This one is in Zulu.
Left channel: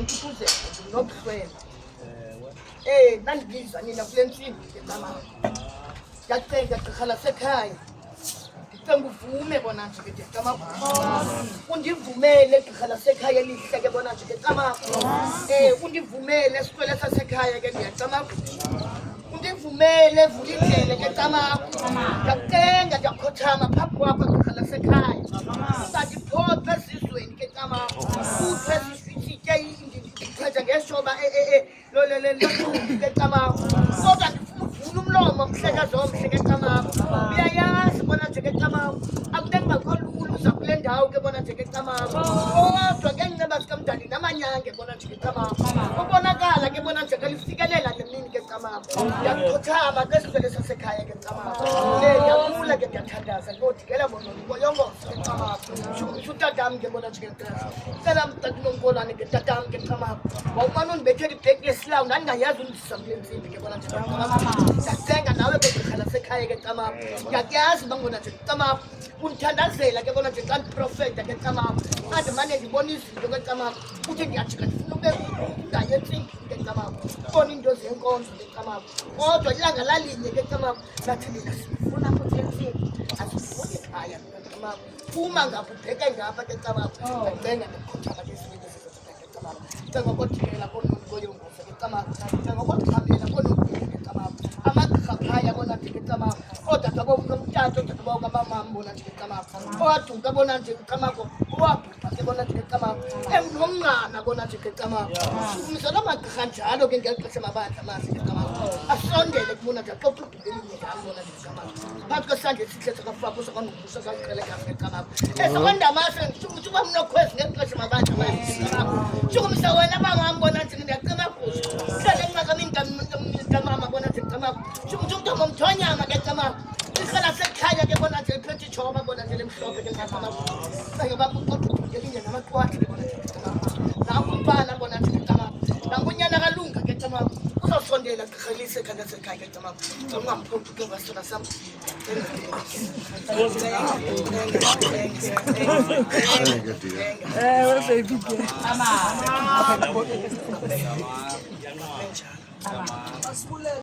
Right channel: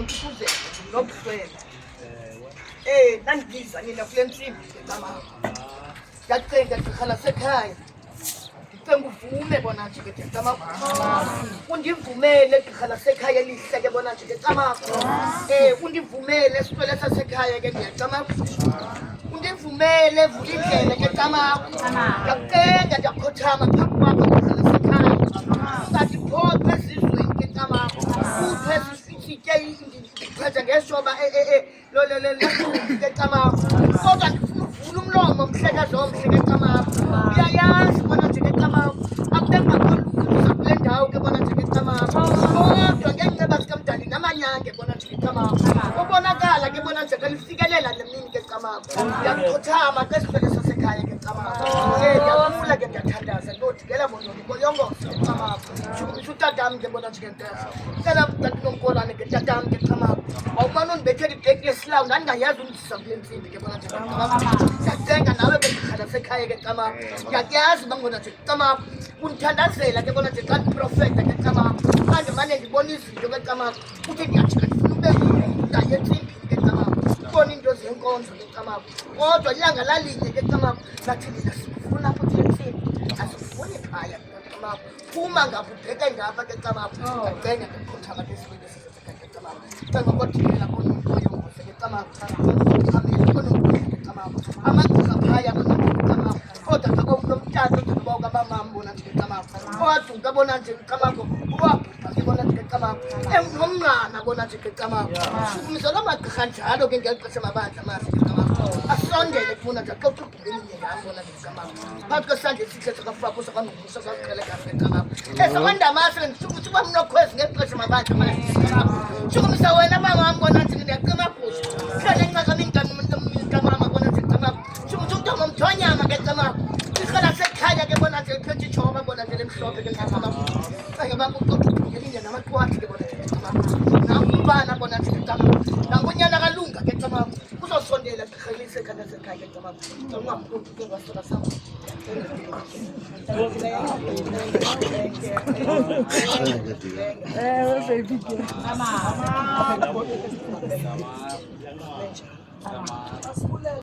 ngoNtuthuzela nginobuhlwele nandibiza nina kule ntsimbi ke camama ndiyacenga gqirha lasekhaya ndicenga uvume bona nje ke camama undivumele gqirha lasekhaya elihle ke bona nje ke camama undivumele sikwele sasekhaya ke ndiyacamama undivumele vula indlela ke camama ndiyacenga ndiyakhothama phambi kwakho gqirha lasekhaya ungandiphophe ezizweni ke camama uthwe sitye ndichaza ngeshoba ke camama kodwa ndifuna uvula umlomo mhlekazi omhle ke camama uyayazi bona nje ke camama akubengakholuluza kule ndawo ke bona nje ke camama kodwa ngeenceba zikamdali namanyange bona nje ke camama ubonakala ke bona nje kalifikelela nemini ke camama ndiyakhothama ke sivele sasekhaya ke camama ndiyakula ke ndiyathandaza ndodikela bononi boyongoze ke camama shukumisa utatam ke bona nje ke cela tatinonkolane ke tatam ke camama wawumane undibethela ibheki yesilawu ndandingayazi undisa kule ntsimbi ke bona nje ke camama ndiyacenga nawe ke gqirha lasekhaya ke camama ndiyakuyazi bangona nje camama undithandazela ke bona nje xa ndiprofeta ke camama xa ndimane ndibona izinto ke camama uthi ndiyajika ndifuna ube ngaye entsimbi ke camama ubona iinto zenkonzo ke camama kodwa ilanga lalinye ke camama nathi nina sifuna apho kule ntsimbi asifuni phaya ke camama phuma ngapha ubheka ngapha ke camama ndiyacenga ndikhothama ke siwele ke camama cenga kodikela konontloyongoze ke camama cenga kodikhamela konontloyo ke camama amagqirha phaya bona nje ke camama kodwa nomtata oduba ukamamam bona nje ke camama owaduka bona nje ke camama owabhubha ke bona nje ke camama nomnqana bona nje ke camama shukumisa loo magqirha njalo ke ngeli xesha mabandla mase ke camama asondele kubona nje axoxa ubhukelinye ngam bona nje ke camama phakathi kwesandla esihle sakafaka sakanokusa saziqheleka ke camama esokandamase ndisukuba mnokhwezi ngeli xesha mabandla mase ke camama shukumisa wena mamam bona nje ndiyacima kuso hlale ncakamini camama bona nje ke camama shukumisa umntomo mthonyama ke camama ikhala sekhaya ke bona nje liphethe ijoba bona nje lemhlophe ke camama sake bakuxoxa ubhukelinye namaqwathi ke bona nje ke camama nakumfana bona nje ke camama nangunyana kalunga ke camama uzosondela gqirhelise khanda sekhaya ke camama ungamphuphi ke ngasona sam mama